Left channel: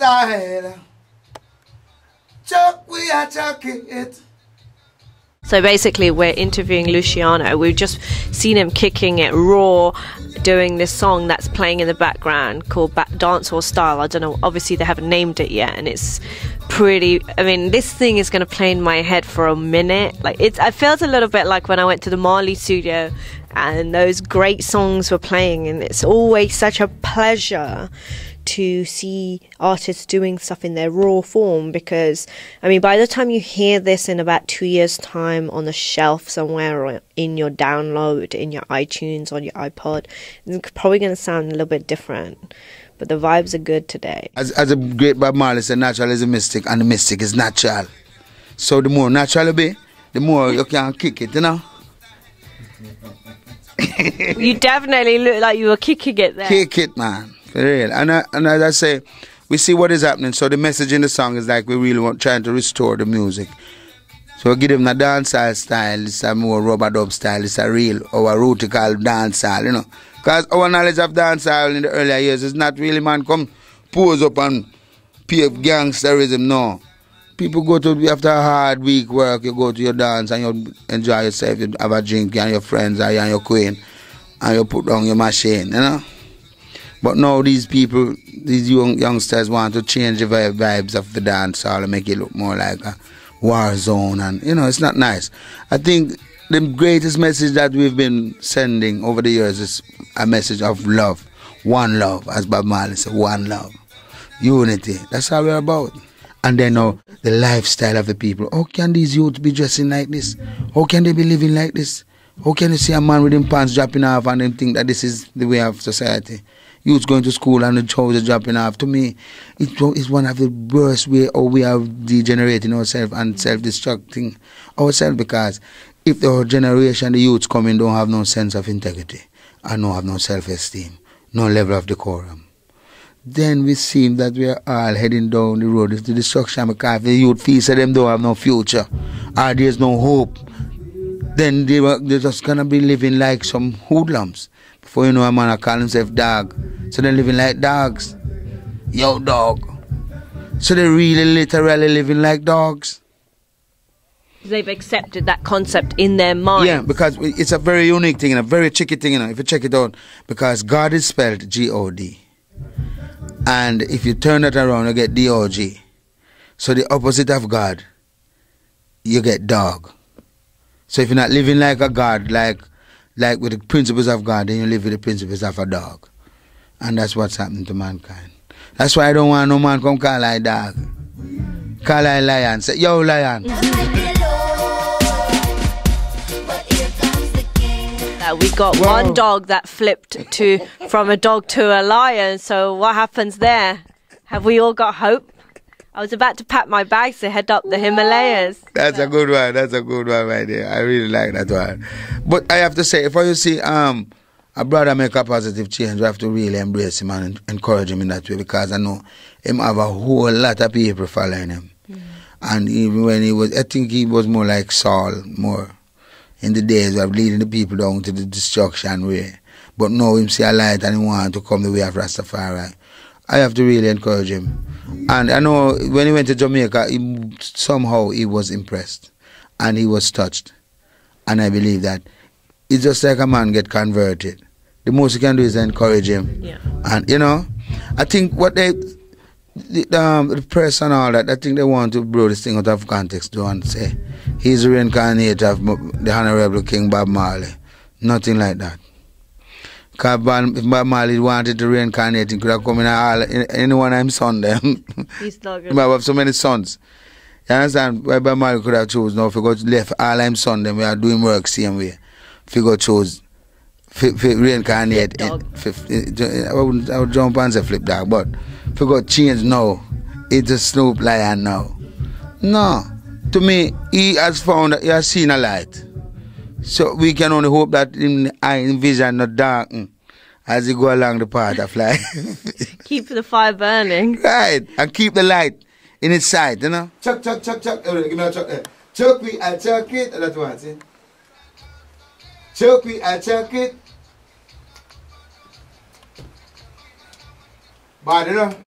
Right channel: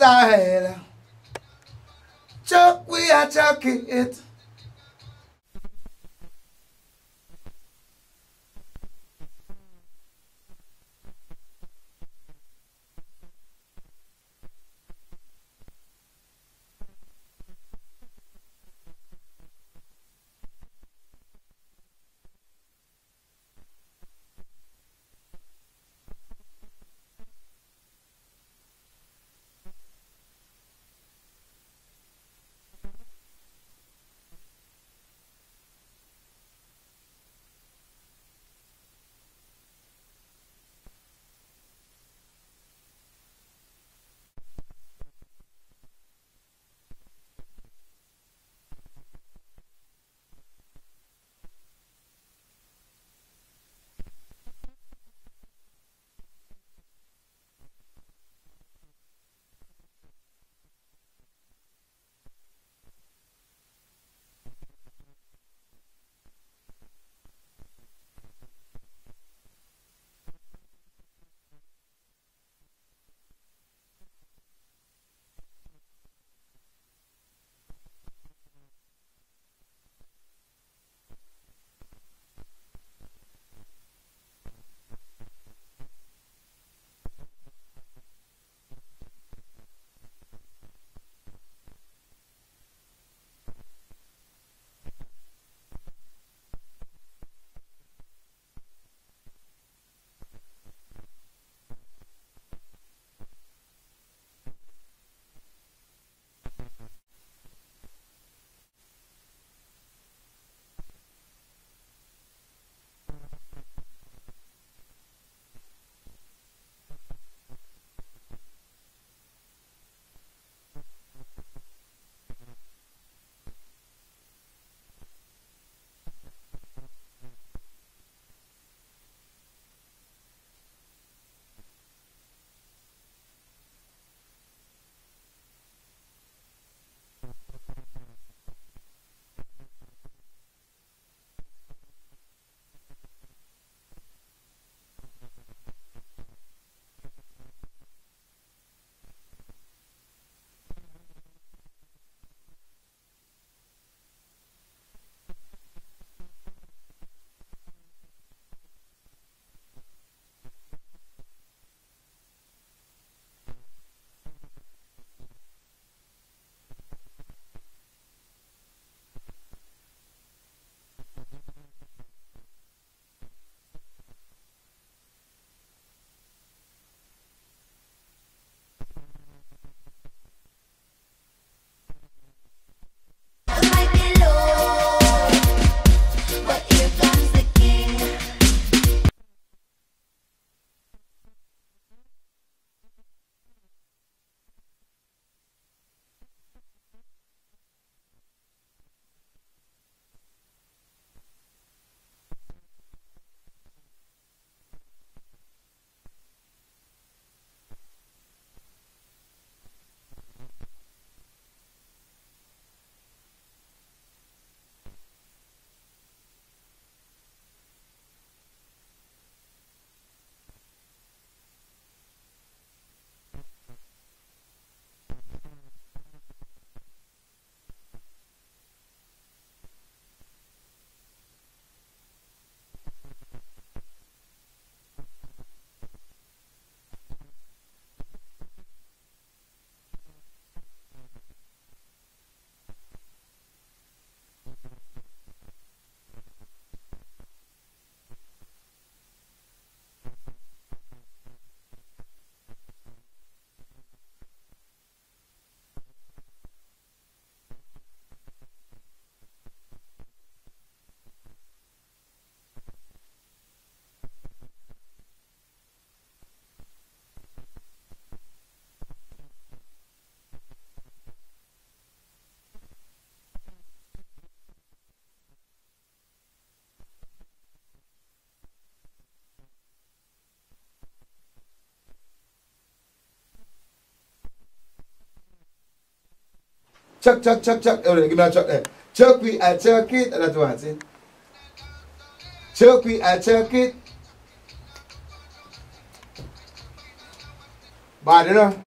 style. Chuck, we are chucking it. So basically we're interviewing Luciano. We've just seen him kicking it raw, doing this song that's playing in the background called Dancehall Style. I don't know, obviously they haven't named it yet, and it's pretty, I mean, this thing is going to play in my head for a minute. Like, I felt a little bit like when I went to the Marley studio and those great songs were playing, and it's always such a pleasure to see artists doing stuff in their raw form, because I mean, by the time you hear this in about 2 years time on the shelf somewhere, or in your download in your iTunes, on your iPod, it's probably going to sound a little bit different, but the vibes are good today. As a great Bob Marley said, natural is a mystic and the mystic is natural. So the more natural you be, the more you can kick it, you know. You definitely look like you were kicking it there. Kick it, man. For real. And as I say, we see what is happening. So the message in the song is like we really trying to restore the music. So we give them the dancehall style. It's a more rubber dub style. It's a real, our rootical dancehall, you know. Because our knowledge of dancehall in the earlier years is not really, man, come pose up and pave gangsterism, no. People go to, after a hard week work, you go to your dance and you enjoy yourself. You have a drink and your friends and your queen, and you put down your machine, you know. But now these people, these youngsters want to change the vibes of the dance hall and make it look more like a war zone, and you know, it's not nice. I think the greatest message that we've been sending over the years is a message of love. One love, as Bob Marley said, one love. Unity, that's all we're about. And then now, the lifestyle of the people. How can these youths be dressing like this? How can they be living like this? How can you see a man with his pants dropping off and them think that this is the way of society? Youths going to school and the trousers dropping off. To me, it's one of the worst way how we are degenerating ourselves and self-destructing ourselves, because if the generation, the youths coming, don't have no sense of integrity and don't have no self-esteem, no level of decorum, then we seem that we are all heading down the road to destruction, because if the youth feels that them don't have no future or there's no hope, then they're just going to be living like some hoodlums. Before you know, a man call himself dog. So they're living like dogs. Yo, dog. So they're really literally living like dogs. They've accepted that concept in their mind. Yeah, because it's a very unique thing and a very tricky thing, you know, if you check it out. Because God is spelled G-O-D. And if you turn it around, you get D-O-G. So the opposite of God, you get dog. So if you're not living like a God, like with the principles of God, then you live with the principles of a dog. And that's what's happening to mankind. That's why I don't want no man come call I dog. Call I lion. Say, yo, lion. We got one dog that flipped from a dog to a lion. So what happens there? Have we all got hope? I was about to pack my bags to head up the Himalayas. That's a good one. That's a good one right there. I really like that one. But I have to say, if you see a brother make a positive change, we have to really embrace him and encourage him in that way, because I know him have a whole lot of people following him. And even when he was, I think he was more like Saul, more in the days of leading the people down to the destruction way. But now him see a light and he want to come the way of Rastafari. I have to really encourage him. And I know when he went to Jamaica, somehow he was impressed and he was touched. And I believe that it's just like a man get converted. The most you can do is encourage him. Yeah. And, you know, I think what the press and all that, I think they want to blow this thing out of context. They want to say he's the reincarnate of the Honorable King Bob Marley. Nothing like that. Because if Bob Marley wanted to reincarnate, he could have come in any one of his sons. He's not good. He have so many sons. You understand? Why Bob Marley could have chosen now if he got left all his sons, then we are doing work same way. If he got chose reincarnate, I would jump and say flip dog, but if he got changed now, it's a Snoop lion now. No. To me, he has found, he has seen a light. So we can only hope that his vision not darken as he go along the path of life. Keep the fire burning. Right, and keep the light in its sight, you know. Chuck. Oh, give me a chuck there. Chuck we, I chuck it. That's what I say. Chuck we, I chuck it. Bad, you know.